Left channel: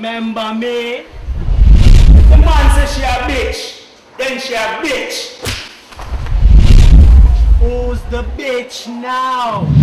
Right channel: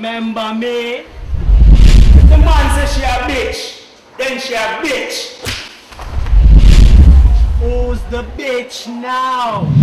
Remember me? If the man says she a bitch, then she a bitch. Who's the bitch now?